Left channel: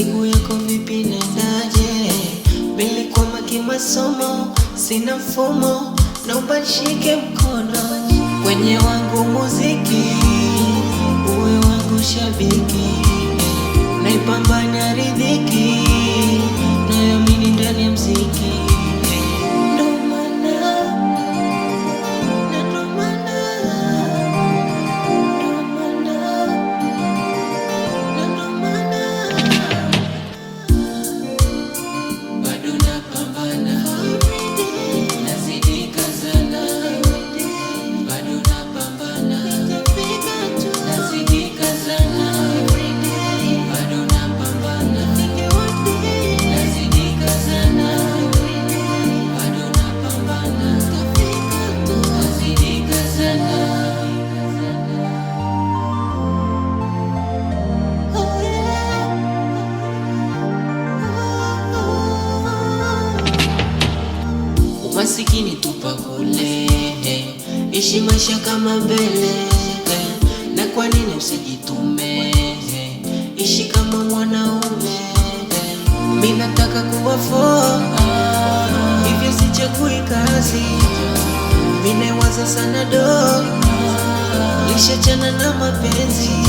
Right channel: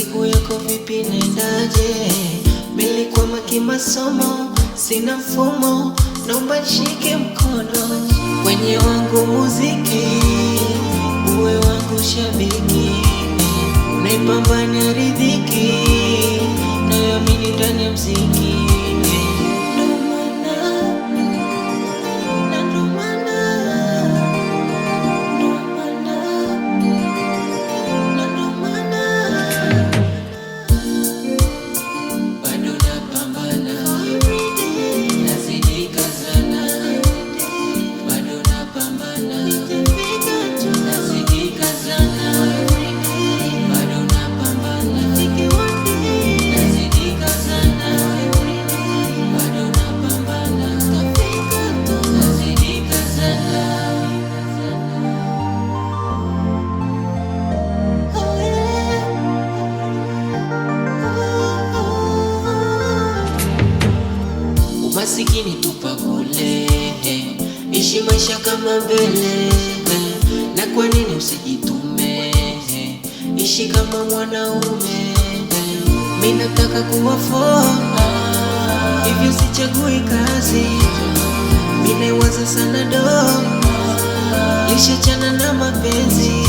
siku yako vipi nendaje? Nilikuwa kimasomo, sina mfumo, naomba nishike mkono kwenye wangu muziki, uwe wangu shabiki, naipambania riziki, nayoamini ndani ya mziki. Umasikini tupa kule, ishi maisha kama mbele. Na kwa nini usijitume, ishi kama mwanaume. Mimi nataka kuwa hivyo sichagui kazi. Mimi naiwaza sana do, lishachana na mapenzi.